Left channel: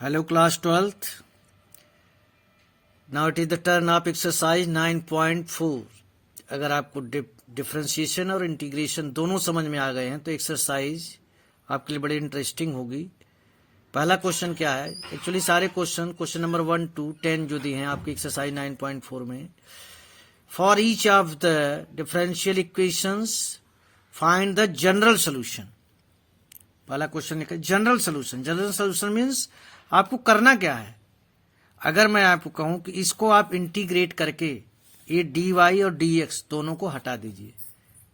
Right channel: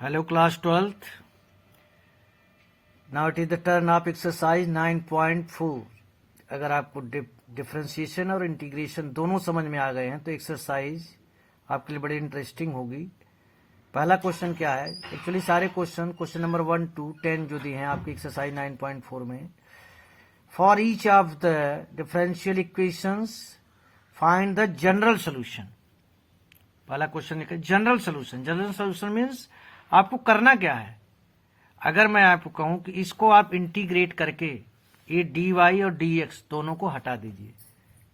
Hello class 12th. Now it is the turn of exercise 9.4. अगर आपको differentiation और integration दोनों समझ में आ गए हैं तो एक्सरसाइज आपके लिए बड़ी इंटरेस्टिंग होगी। पहला क्वेश्चन क्या है? एक्चुअली सारे क्वेश्चन नंबर 1 to 10 जो दिए हैं आपकी एक्सरसाइज 9.4 में, for each of the differential equations find the general solution. पहला क्वेश्चन लिखा general solution. General solution means आपको करना क्या है। अगर मैं आपको कहूं कि इसको आप इंटीग्रेट करके ये dy और dx दोनों को हटा दीजिए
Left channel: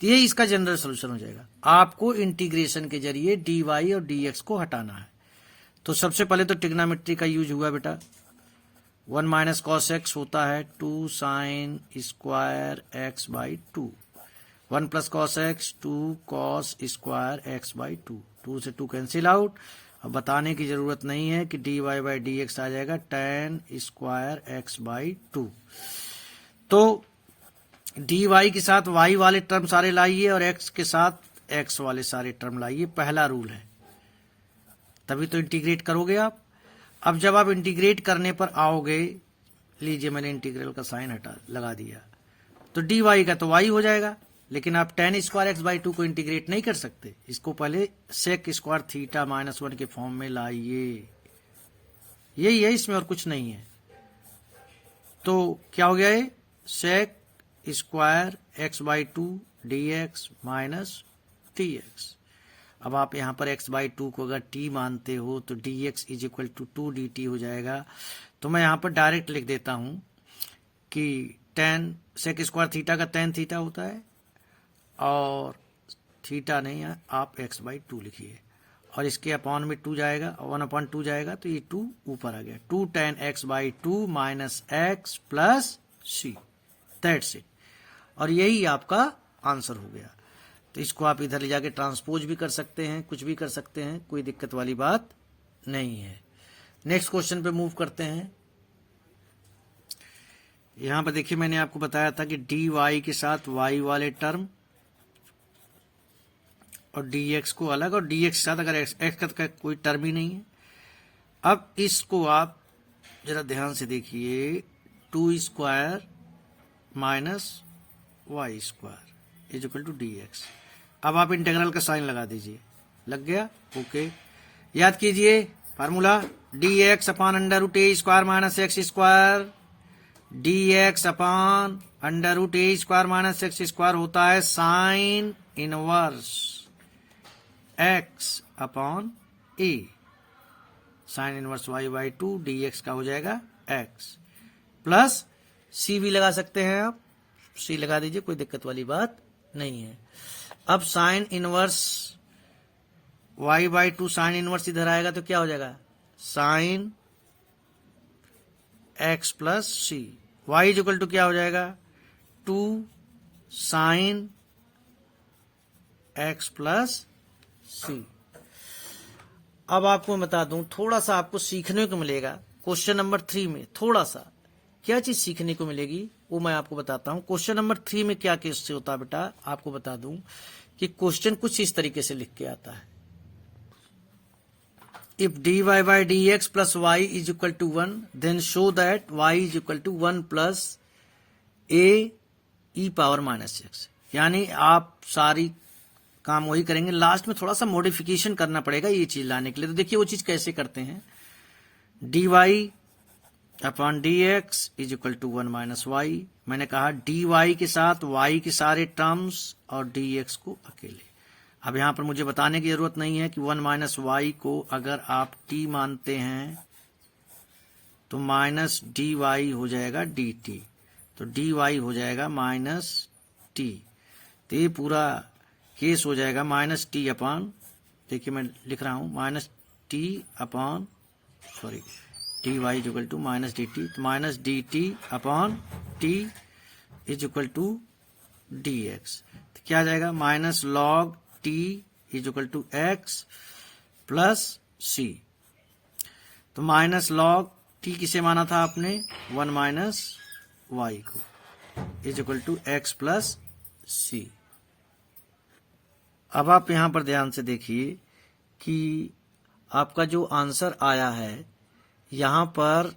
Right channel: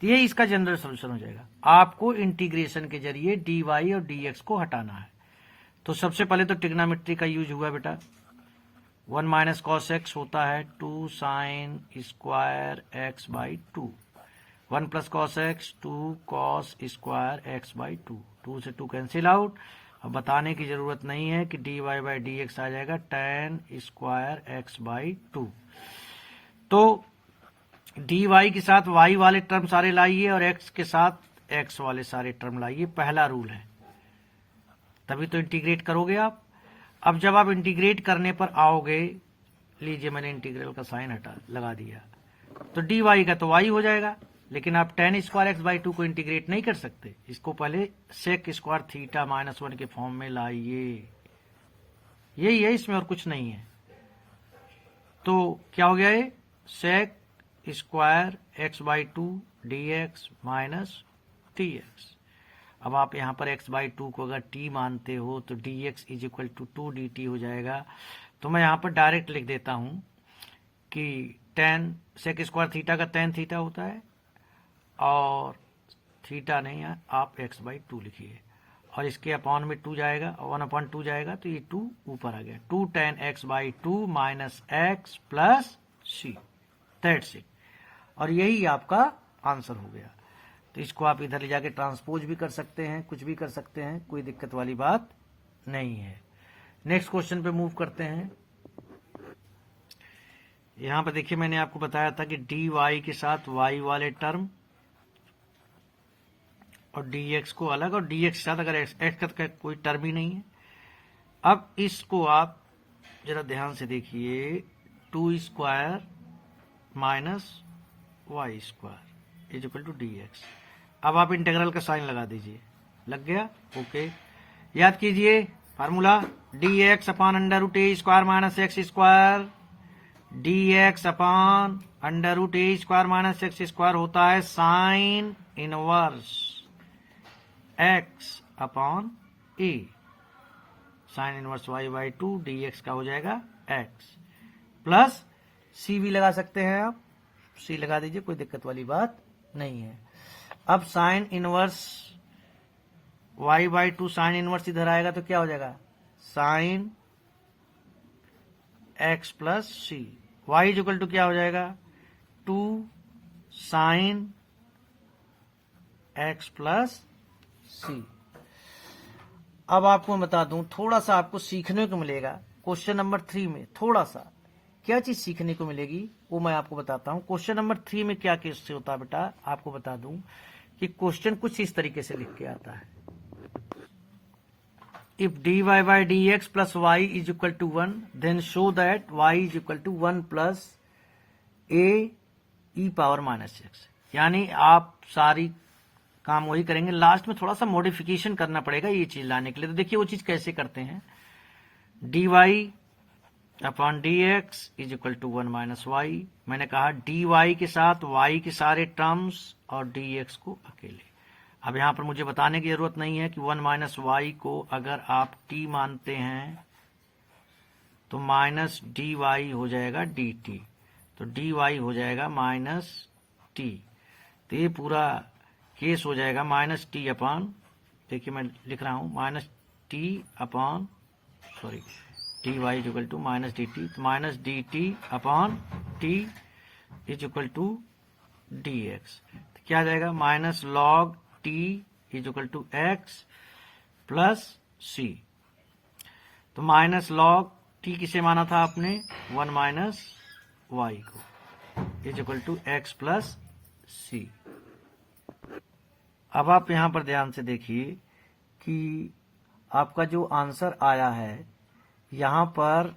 तो ये इसका जनरल सोल्यूशन हो जाएगा। आपको इंटीग्रेशन के जरिए dy और dx को हटाना है। तो सबसे पहले तो ट्रिग्नोमेट्री का यूज हुआ बेटा। 1 माइनस कॉस एक्स होता है 2 sine square x by 2। 1 plus cos x 2 cos square x by 2। 2 से 2 कैंसिल आउट। अब बताने की जरूरत नहीं है कि dy बाई डी एक्स आ जाएगा tan स्क्वायर एक्स बाई 2। तो dy के साथ y वाले टर्म सारे लाइए और x के साथ x वाले सारे टर्म लाइए। पहला रूल है, तभी तो इंटीग्रेट करोगे आप। अब जब आप इंटीग्रेट करने पर आओगे, लीजिए मैंने इंटीग्रल का साइन लगा दिया, तो dy का तो y हो जाएगा, लेकिन आप tan स्क्वायर एक्स बाई 2 को इंटीग्रेट नहीं कर सकते। इसको पहले सेक स्क्वायर थीटा माइनस 1 के फॉर्म में लाइए। यही है, इसमें और कुछ नहीं है। तो क्या हो गया ये? Sec square x by 2 d x minus t x. अब आप यहां पर x बाई 2 को अगर t मानते हो तो dx is equal to 2 dt हो जाएगा। तो मैं यहां पर डायरेक्ट लिख देता हूं कि tan सेक स्क्वायर थीटा का tan थीटा होता है, और थीटा नहीं है, आप x बाई 2 लिखिए, और इसके अपॉन में 2 जाएगा, 1/2 जाएगा, तो ये 2 ऊपर आ गया। 2 tan x by 2 minus x plus c, that's it. और यही आपका आंसर हो गया। तो इसको आप इधर ले जाके ट्रांसपोज भी कर सकते हैं, कुछ भी कर सकते हैं, कोई दिक्कत वाली बात नहीं है। नेक्स्ट क्वेश्चन पे मूव करते हैं। यहां पर देखिए मैंने आपको बताया था कि dy के साथ y वाले टर्म और dx को अलग, और dx के साथ अगर x का कोई टर्म ही नहीं है। अब इसको आप जरा ध्यान से देखिए, 2 square minus y square is equal to dx। अब आप इंटीग्रल का साइन लगा दीजिए। लग गया? ओके। याद कीजिए formula, dx upon under root A square minus X square, dx upon under root A square minus X square होता है sine inverse x upon A. Sine inverse y by 2 dx का हो जाएगा x, प्लस c भी लगा सकते हैं आप, c लगा दीजिए, कोई दिक्कत वाली बात नहीं है। अब sine inverse y by 2 sine inverse इधर आएगा तो क्या हो जाएगा? Sine x plus c. y is equal to क्या हो जाएगा? 2 साइन x प्लस सी। अब आपको मैं बता दूं, थोड़ा सा आपको सीखने को मिलेगा क्वेश्चन नंबर 3 में। थोड़ा सा क्या चीज सीखने को मिलेगी वो मैं आपको बताता हूं। क्वेश्चन नंबर 3 में क्या केस से होता है बेटा, आपको बता दूं कि क्वेश्चन कुछ इस तरीके से लिख के आता है। If dy by d x plus y is equal to 1 then show that y is equal to 1 plus a e power minus x. यानी आप सारी काम वही करेंगे, लास्ट में थोड़ा सा मॉडिफिकेशन करना पड़ेगा ये चीज लाने के लिए। तो देखिए वो चीज कैसे करते हैं। dy upon d x is equal to 1 minus y. मैंने कहा dy के साथ y के सारे टर्म्स और dx को अकेले। अब यहां पर मुझे बताने की जरूरत नहीं है कि 1 माइनस वाई को अगर आप t मानते हैं तो माइनस dy हो जाएगा dt, तो dy हो जाएगा माइनस t। तो ये पूरा केस हो जाएगा माइनस टी अपॉन, देखिए मैं लिख रहा हूं minus T upon, sorry, T Y is equal to minus D T, तो minus D T upon T is equal to D X. तो क्या आ जाएगा? Minus log T is equal to X plus C. तो minus log T किसे माना था आपने? 1 माइनस वाई को, is equal to X plus C. अब आप यहां पर ध्यान से देखिए कि आपका जो आंसर आया है यहां पर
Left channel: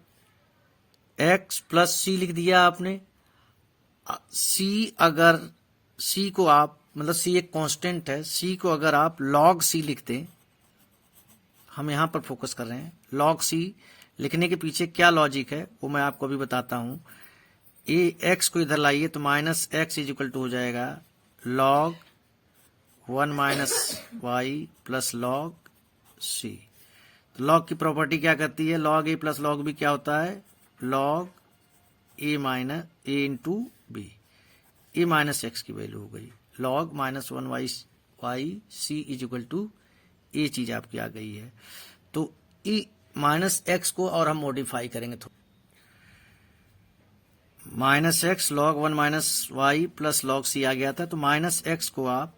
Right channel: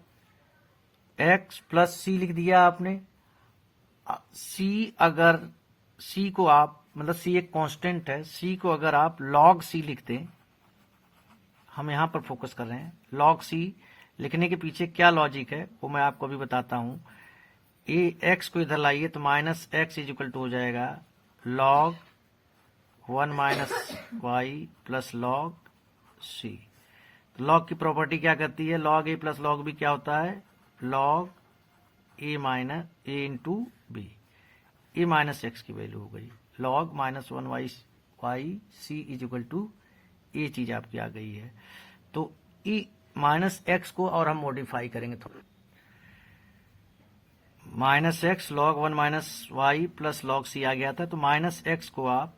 x प्लस सी लिख दिया आपने। सी को आप, मतलब सी एक कांस्टेंट है, सी को अगर आप log सी लिख दें, हम यहां पर फोकस कर रहे हैं, log सी लिखने के पीछे क्या लॉजिक है वो मैं आपको अभी बताता हूं। ए एक्स को इधर लाइए तो minus x is equal to हो जाएगा log 1 minus y plus log c. तो log की प्रॉपर्टी क्या करती है, log a plus log b क्या होता है, log a minus a into b. A minus x की वैल्यू हो गई log minus 1 y c is equal to ये चीज आपकी आ गई है। तो ई माइनस एक्स को और हम मॉडिफाई करेंगे थोड़ा, minus x log 1 minus y plus log c आ गया था, तो माइनस एक्स को आप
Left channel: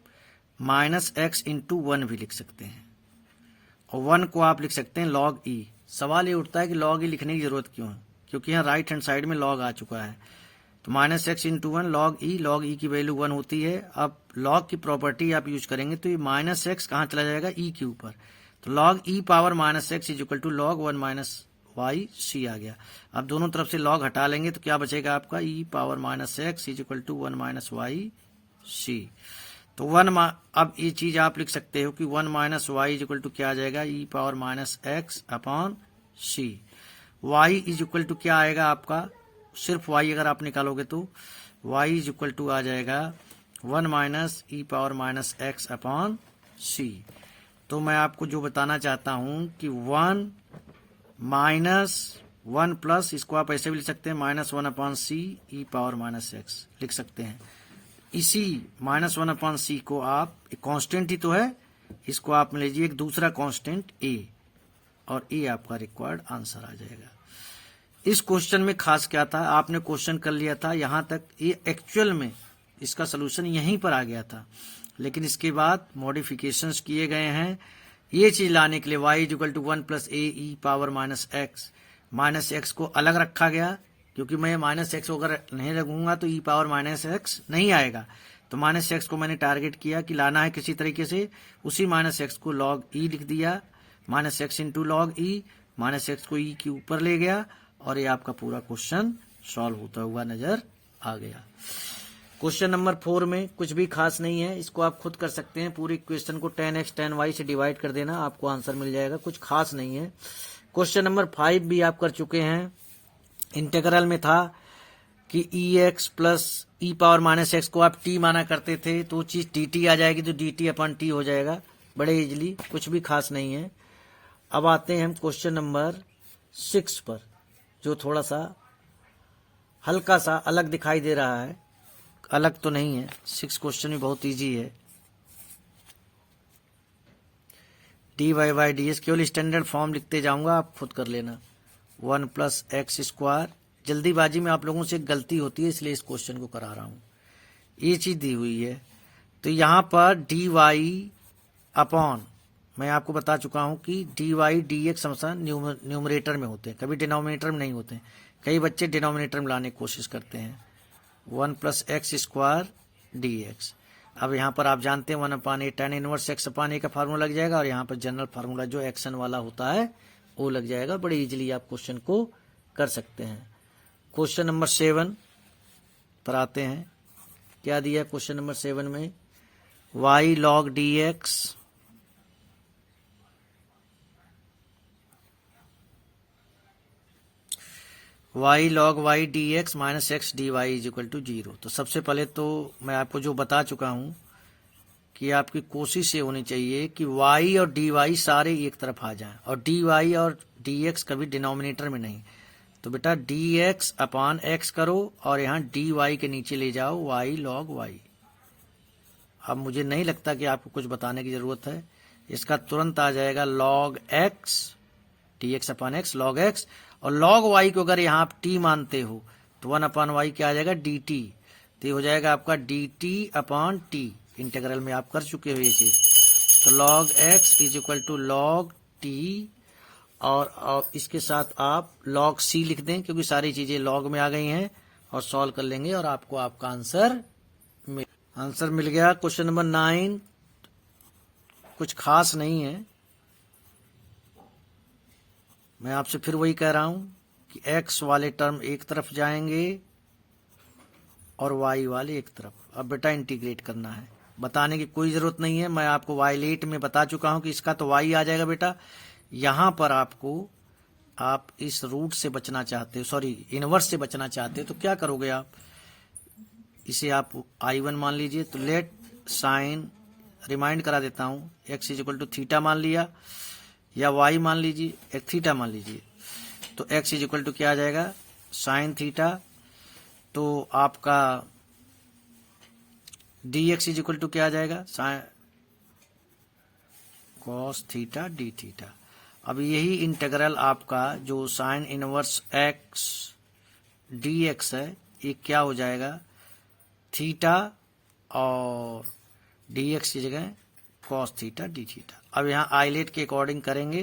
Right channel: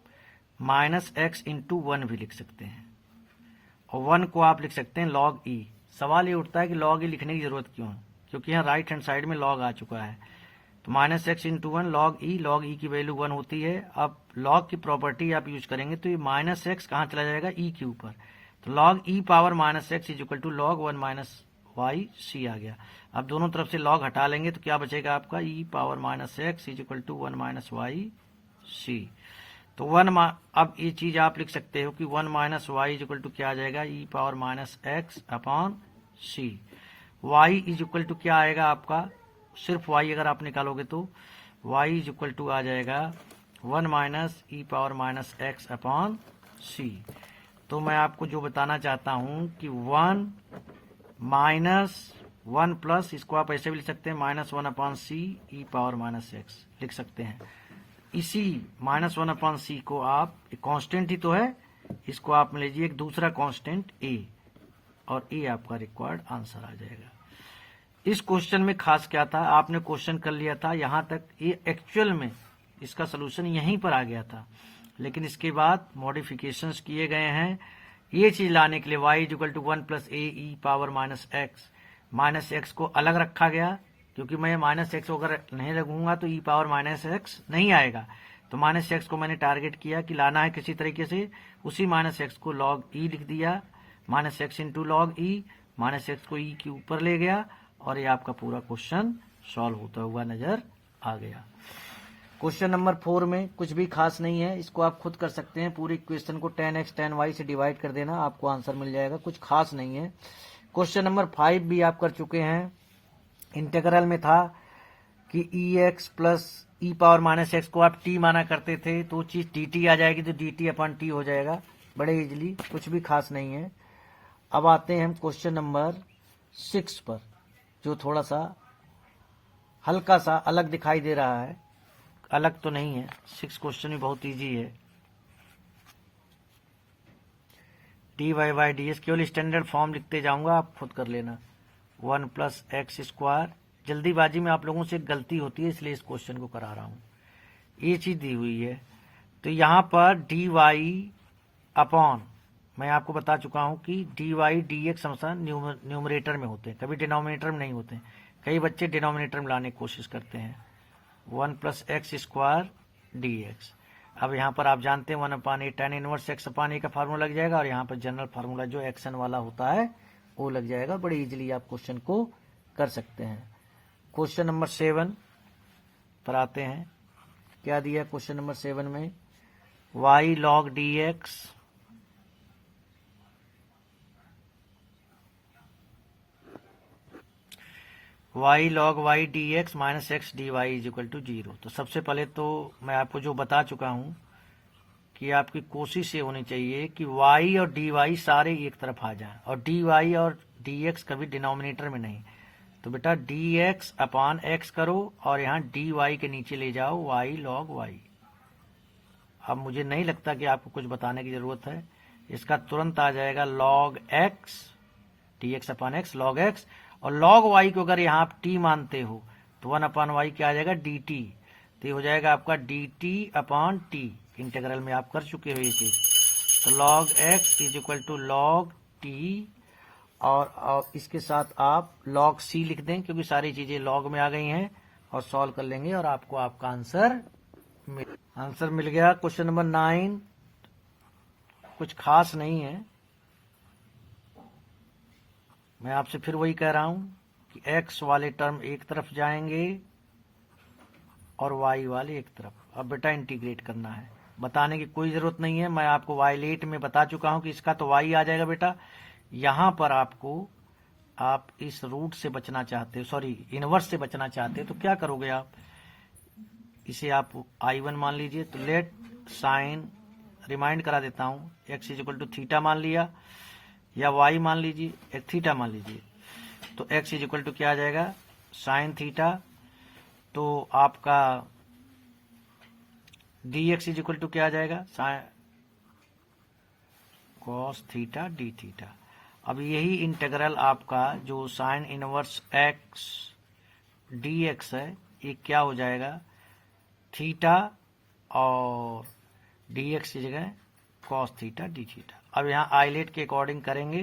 माइनस एक्स इंटू 1 भी लिख सकते हैं, और 1 को आप लिख सकते हैं log ई। सवाल ये उठता है कि log ई लिखने की जरूरत क्यों है, क्योंकि यहाँ राइट हैंड साइड में log आ चुका है। तो माइनस एक्स इंटू 1 log ई की वैल्यू 1 होती है। अब log की प्रॉपर्टी आप यूज करेंगे तो ये माइनस एक्स कहाँ चला जाएगा, ई के ऊपर, तो log E power minus x is equal to log 1 minus Y C आ गया। अब दोनों तरफ से log हटा लेंगे तो क्या बचेगा आपका, E power minus x is equal to 1 minus Y C. तो अब ये चीज आप लिख सकते हो कि 1 minus Y is equal to क्या आ जाएगा, E power minus X upon C. Y is equal to क्या आएगा आपका, सिर्फ वाई अगर आप निकालोगे तो वाई इज इक्वल टू आ जाएगा 1 minus E power minus X upon C. तो मैं आपको जो बताना चाहता हूं कि 1 माइनस 1 प्लस, इसको आप ऐसे भी लिख सकते हैं, माइनस 1 अपॉन सी ई पावर माइनस एक्स लिख सकते हैं। इसी माइनस 1 अपॉन सी को आप, एक कांस्टेंट ही तो है, इसको आप लीजिए एक दूसरा कांस्टेंट ए, और ए आपका रिक्वायर्ड आंसर आ जाएगा। इस क्वेश्चन में खास क्या था, आपने क्वेश्चन कर लिया था यहां तक, ये एक्चुअल में इसका सोल्यूशन यहीं पर आ गया था, लेकिन इसके बाद मॉडिफिकेशंस किए गए हैं ये चीज लाने के लिए। y is equal to 1 plus a e power minus x को अलग रखा गया, क्योंकि मैं माइनस एक्स अगर नहीं लगूंगा तो ई पावर माइनस एक्स नहीं आएगा। तो माइनस एक्स को मैंने टारगेट किया कि लाना है किसी तरीके से, उसी माइनस एक्स को log ई लिख दिया, माइनस एक्स इंटू log ई, माइनस एक्स को ई के ऊपर ले गया, और ये आपका पूरा क्वेश्चन सॉल्व होता हुआ नजर आ गया। क्वेश्चन नंबर 4 में कुछ भी खास नहीं है, इसको आप खुद कर सकते हैं। पूरी क्वेश्चन को 10x 10y से डिवाइड कर देना, आपको आंसर मिल जाएगा, कुछ खास नहीं है। क्वेश्चन नंबर 5 भी आप कर चुके हैं। इंटीग्रल में था कि ई एक्स प्लस ई पावर माइनस एक्स को आप टी माना करते थे, तो वो चीज डी टी आ जाएगी, तो डी टी अपॉन टी हो जाएगा, बड़े इजली, कुछ भी खास नहीं है। अब आते हैं हम क्वेश्चन नंबर 6 पर, जो थोड़ा सा हल्का सा अलग दिखाई दे रहा है, अलग तो नहीं है, 6 क्वेश्चन भी बहुत इजी है। D y y d s केवल स्टैंडर्ड फॉर्म लिखते जाऊंगा, आप खुद कर लेना। 1 प्लस एक्स स्क्वायर, जल्दीबाजी में आप लोगों से एक गलती होती है, इसलिए इस क्वेश्चन को करा रहा हूं। ये चीज दी हुई है, तो यहां पर डी वाई अपॉन, मैं आपको बता चुका हूं कि डी वाई डी एक्स हमेशा न्यूमरेटर में होते हैं, कभी डिनोमिनेटर में नहीं होते। कई बच्चे डिनोमिनेटर में लाने की कोशिश करते हैं। 1 plus x square D x. अब यहाँ पर आप जानते हैं 1 अपान ए tan इनवर्स एक्स अपान ए का फार्मूला लग जाएगा, और यहाँ पर जनरल फार्मूला जो एक्शन वाला होता है वो लग जाएगा। बड़ी इजीली आप क्वेश्चन को कर सकते हैं। क्वेश्चन नंबर 7 पर आते हैं। क्या दिया क्वेश्चन नंबर 7 में, y log dx y log y dx minus x d y is equal to 0। तो सबसे पहले तो मैं आपको जो बता चुका हूं कि आपकी कोशिश ये होनी चाहिए कि y और dy सारे एक तरफ आ जाएं, और dy और dx कभी डिनोमिनेटर में नहीं। तो बेटा dx अपान x करो, और यहाँ dy के नीचे ले जाओ y log y। अब मुझे नहीं लगता कि आपको कुछ बताने की जरूरत है, इसका तुरंत आ जाएगा log x, dx अपान x log x, और log y को अगर यहाँ आप t मानते हो तो 1 अपान y क्या आ जाएगा dt। तो ये हो जाएगा आपका dt अपान t, इंटीग्रल में आप कर चुके हो ये चीज। तो log x is equal to log t, और इसके साथ आप log c लिख दें, क्योंकि सारी चीजें log में आ गई हैं, और सॉल्व कर लेंगे और आपको आपका आंसर मिल गया। क्वेश्चन नंबर 9 कुछ खास नहीं है, मैं आपसे फिर वही कह रहा हूं कि x वाले टर्म एक तरफ जाएंगे और y वाले एक तरफ। अब बेटा इंटीग्रेट करना है, बताने की कोई जरूरत नहीं है, मैं आपको y8 में बता चुका हूं कि इसका तो y आ जाएगा बेटा। यहां पर आपको, आप इस रूट से बचना चाहते हो, सॉरी इनवर्स से बचना चाहते हो, तो क्या करोगे आप, इसे आप I1 मान लीजिए। तो लेट साइन, रिमाइंड करा देता हूं, x इक्वल टू थीटा मान लिया, या y मान लीजिए, एक थीटा मान लीजिए। तो x इक्वल टू क्या आ जाएगा, साइन थीटा। तो आपका dx इक्वल टू क्या आ जाएगा, sine cos theta D theta. अब यही इंटीग्रल आपका जो साइन इनवर्स x dx है, ये क्या हो जाएगा, थीटा और dx की जगह कॉस थीटा डी थीटा। अब यहाँ आइलेट के अकॉर्डिंग करेंगे,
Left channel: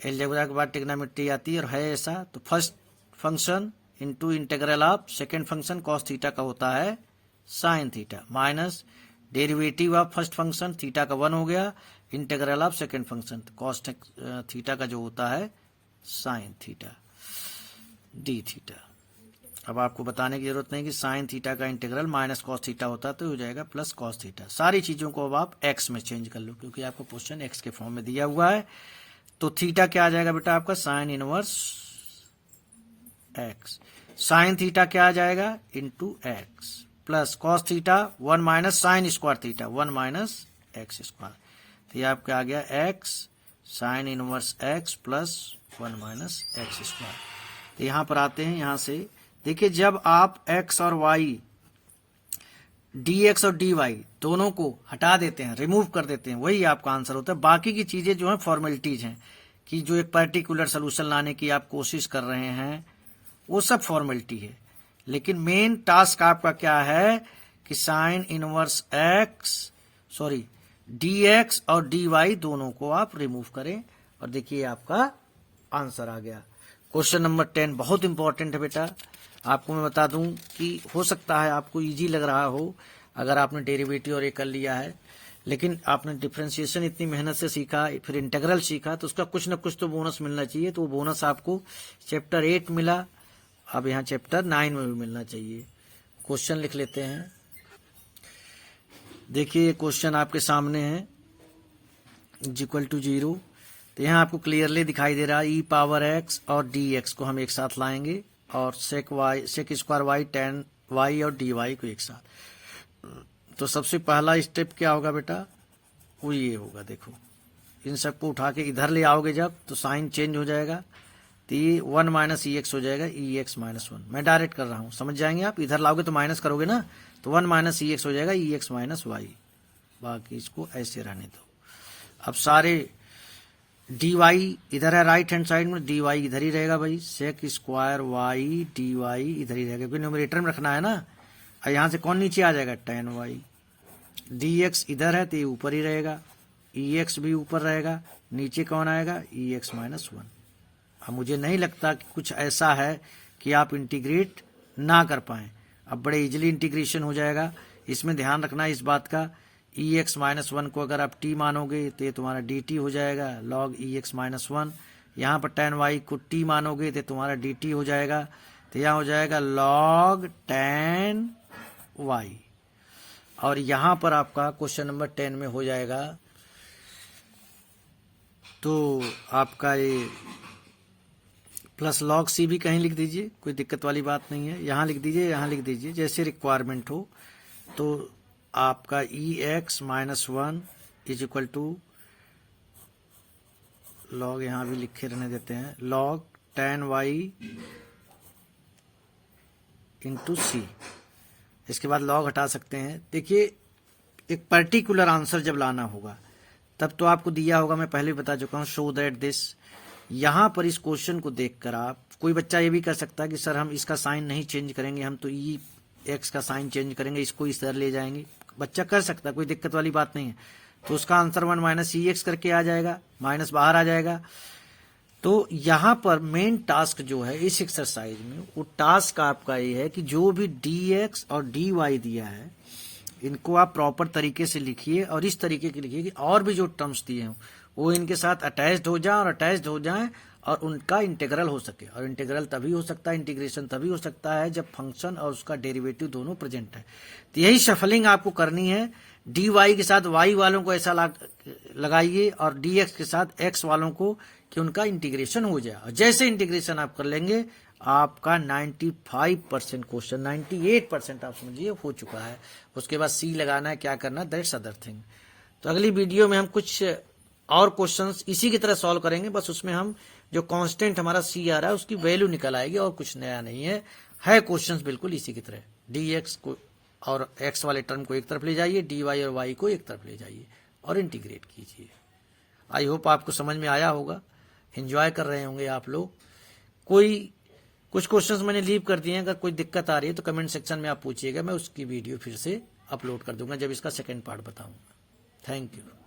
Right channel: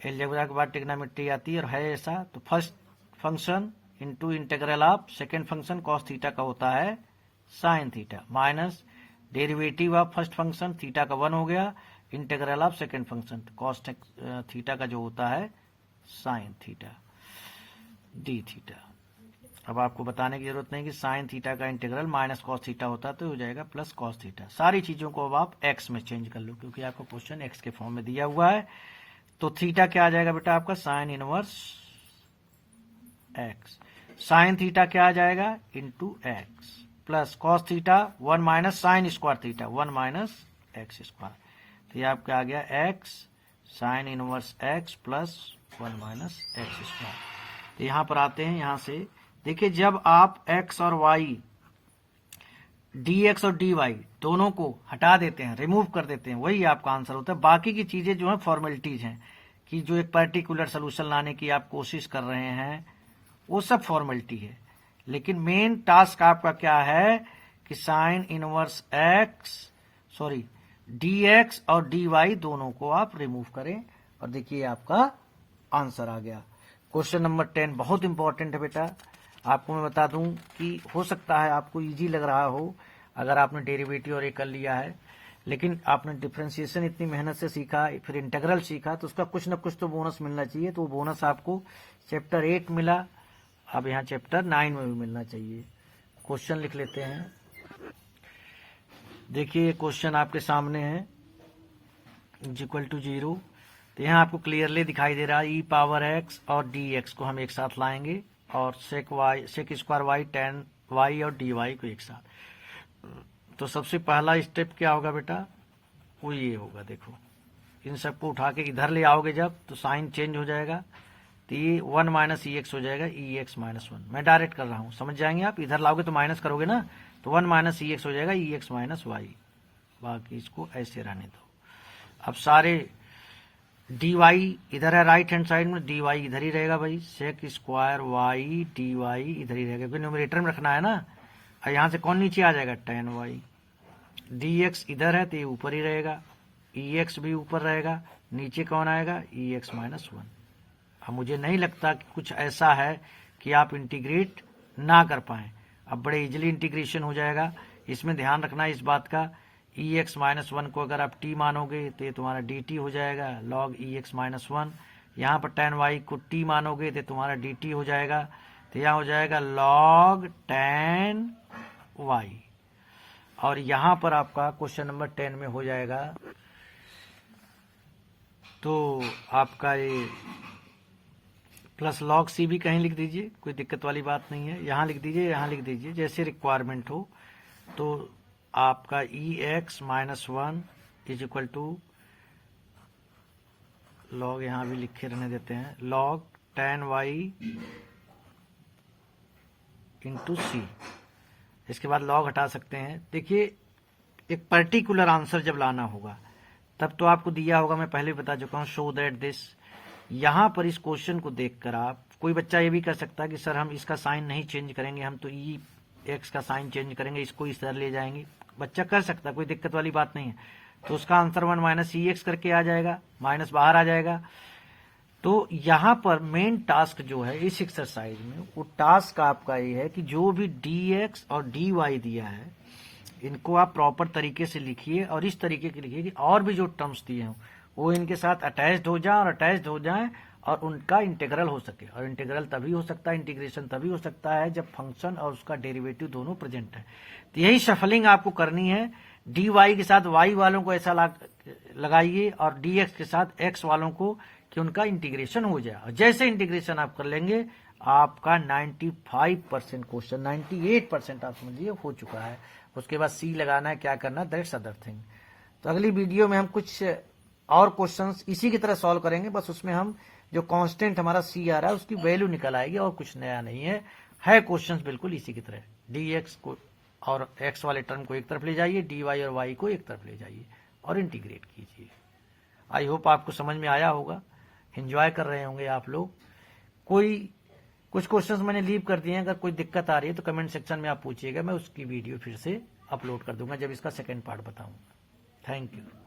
अलजेब्रा के बाद ट्रिग्नोमेट्री आती है और है ऐसा, तो first function into integral of second function cos theta का होता है sine theta, minus derivative of first function theta का 1 हो गया, integral of second function cos theta का जो होता है साइन थीटा डी थीटा। अब आपको बताने की जरूरत नहीं कि साइन थीटा का इंटीग्रल माइनस कॉस थीटा होता है, तो हो जाएगा प्लस कॉस थीटा। सारी चीजों को अब आप एक्स में चेंज कर लो, क्योंकि आपको क्वेश्चन एक्स के फॉर्म में दिया हुआ है। तो थीटा क्या आ जाएगा बेटा आपका, sine inverse x, sine theta क्या आ जाएगा, into x, plus cos theta 1 minus sine square theta 1 minus X square. तो ये आपका आ गया x sine inverse x plus 1 minus X square. तो यहां पर आते हैं, यहां से देखिए, जब आप x और y, dx और dy दोनों को हटा देते हैं, रिमूव कर देते हैं, वही आपका आंसर होता है। बाकी की चीजें जो है फॉर्मेलिटीज हैं, कि जो एक पर्टिकुलर सोल्यूशन लाने की आप कोशिश कर रहे हैं, वो सब फॉर्मेलिटी है। लेकिन मेन टास्क आपका क्या है कि sign inverse x, sorry dx और dy दोनों को आप रिमूव करें, और देखिए आपका आंसर आ गया। क्वेश्चन नंबर 10 बहुत इंपॉर्टेंट है बेटा। आपको मैं बता दूं कि हो सकता है आपको इजी लग रहा हो अगर आपने डेरिवेटिव और ये कर लिया है, लेकिन आपने डिफरेंशिएशन इतनी मेहनत से सीखा, फिर इंटीग्रल सीखा, तो उसका कुछ न कुछ तो बोनस मिलना चाहिए। तो वो बोनस आपको चैप्टर 8 मिला, अब यहाँ चैप्टर 9 में भी मिलना चाहिए। क्वेश्चन लिख लेते हैं। देखिए क्वेश्चन आपके सामने है, इक्वल टू 0। तो यहाँ आपको क्लियरली दिखाई दे रहा है, ई पावर एक्स और डी एक्स को हम एक साथ लाएंगे, और sec square y tan y और डी वाई को एक साथ। तो सबसे पहला स्टेप क्या होगा बेटा, वो ये होगा, देखो इन सबको उठा के इधर ले आओगे जब, तो साइन चेंज हो जाएगा, तो ये 1 माइनस ई एक्स हो जाएगा, ई एक्स माइनस 1। मैं डायरेक्ट कर रहा हूँ, समझ जाएंगे आप, इधर लाओगे तो माइनस करोगे ना, तो 1 माइनस ई एक्स हो जाएगा, ई एक्स माइनस वाई। बाकी इसको ऐसे रहने दो। अब सारे डी वाई इधर है राइट हैंड साइड में, डी वाई इधर ही रहेगा भाई, sec square y d y इधर ही रहेगा, क्योंकि न्यूमरेटर में रखना है ना। और यहाँ से कौन नीचे आ जाएगा, टेन वाई। डी एक्स इधर है तो ये ऊपर ही रहेगा, ई एक्स भी ऊपर रहेगा, नीचे कौन आएगा, ई एक्स माइनस 1। अब मुझे नहीं लगता कि कुछ ऐसा है कि आप इंटीग्रेट ना कर पाएं, अब बड़े इजिली इंटीग्रेशन हो जाएगा। इसमें ध्यान रखना इस बात का, ई एक्स माइनस 1 को अगर आप टी मानोगे तो ये तुम्हारा डी टी हो जाएगा, लॉग ई एक्स माइनस 1। यहाँ पर टेन वाई को टी मानोगे तो तुम्हारा डी टी हो जाएगा, तो यहाँ हो जाएगा लॉग टेन वाई। और यहाँ पर आपका क्वेश्चन नंबर 10 में हो जाएगा, तो आपका ये प्लस लॉग सी भी कहीं लिख दीजिए, कोई दिक्कत वाली बात नहीं है, यहाँ लिख दीजिए, यहाँ लिख दीजिए, जैसे रिक्वायरमेंट हो। तो आपका E X minus 1 is equal to log, यहाँ भी लिखे रहने देते हैं, log ten Y into C. इसके बाद लॉग हटा सकते हैं। देखिए एक पर्टिकुलर आंसर जब लाना होगा तब तो आपको दिया होगा, मैं पहले बता चुका हूँ, शो दैट दिस। यहाँ पर इस क्वेश्चन को देखकर आप, कोई बच्चा ये भी कर सकता है कि सर हम इसका साइन नहीं चेंज करेंगे, हम तो ई एक्स का साइन चेंज करेंगे, इसको इस तरह ले जाएंगे। बच्चा कर सकता है, कोई दिक्कत वाली बात नहीं है। तो उसका आंसर 1 माइनस ई एक्स करके आ जाएगा, माइनस बाहर आ जाएगा। तो यहाँ पर मेन टास्क जो है इस एक्सरसाइज में, वो टास्क आपका ये है कि जो भी डी एक्स और डी वाई दिया है इनको आप प्रॉपर तरीके से लिखिए, और इस तरीके के लिखिए कि और भी जो टर्म्स दिए हैं वो इनके साथ अटैच्ड हो जाए, और अटैच्ड हो जाएं और उनका इंटीग्रल हो सके। और इंटीग्रल तभी हो सकता है, इंटीग्रेशन तभी हो सकता है जब फंक्शन और उसका डेरिवेटिव दोनों प्रेजेंट है। तो यही शफलिंग आपको करनी है। डी वाई के साथ वाई वालों को ऐसा लगाइए और डी एक्स के साथ एक्स वालों को कि उनका इंटीग्रेशन हो जाए। और जैसे इंटीग्रेशन आप कर लेंगे आपका 95% क्वेश्चन, 98% आप समझिए हो चुका है। उसके बाद सी लगाना है, क्या करना है, दैट्स अदर थिंग। तो अगली वीडियो में हम कुछ और क्वेश्चंस इसी की तरह सॉल्व करेंगे, बस उसमें हम जो कांस्टेंट हमारा सी आ रहा है उसकी वैल्यू निकल आएगी और कुछ नया नहीं है क्वेश्चंस बिल्कुल इसी की तरह। डी एक्स को और एक्स वाले टर्म को एक तरफ ले जाइए, डी वाई और वाई को एक तरफ ले जाइए और इंटीग्रेट कीजिए। आई होप आपको समझ में आया होगा, एंजॉय कर रहे होंगे आप लोग। कुछ क्वेश्चंस मैंने लीव कर दिए हैं, अगर कोई दिक्कत आ रही है तो कमेंट सेक्शन में आप पूछिएगा, मैं उसकी वीडियो फिर से अपलोड कर दूंगा जब इसका सेकेंड पार्ट बताऊंगा। Thank you.